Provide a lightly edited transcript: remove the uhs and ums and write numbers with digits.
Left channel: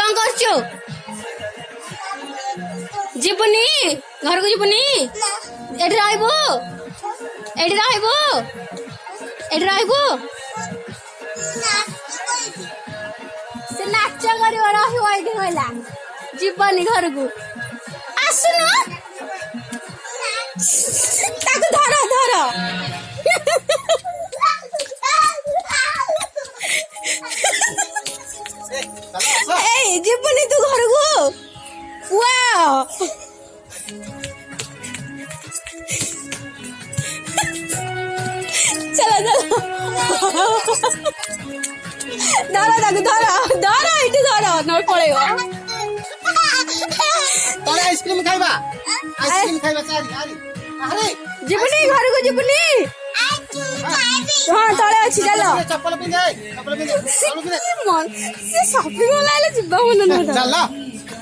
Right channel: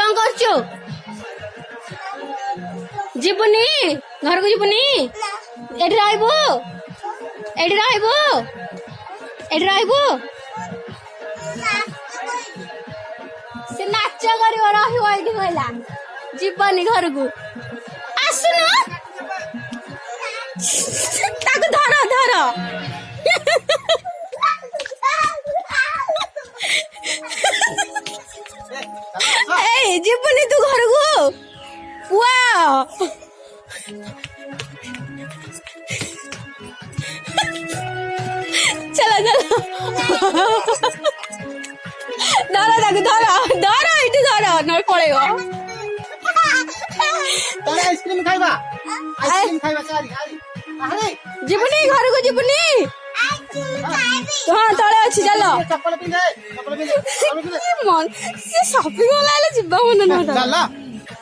कौन करछु जीवनी घर को जीवनी एडी रहबो एडी रहबो एडी रहबो से नाच करियो रहियो एडी होला जीवनी घर को आसुनो ताको धर धर ए जीवनी तू घर को वाओ चला चला धर ताको धर धर एटी धर न पळेगो तले आइसक्रीम खाइबा चारी अरे जीवनी घर को जीवनी हाँ तले अच्छी चलो चप्पल पिंधे मन से शॉपिंग वाला जिब्बा मन न चल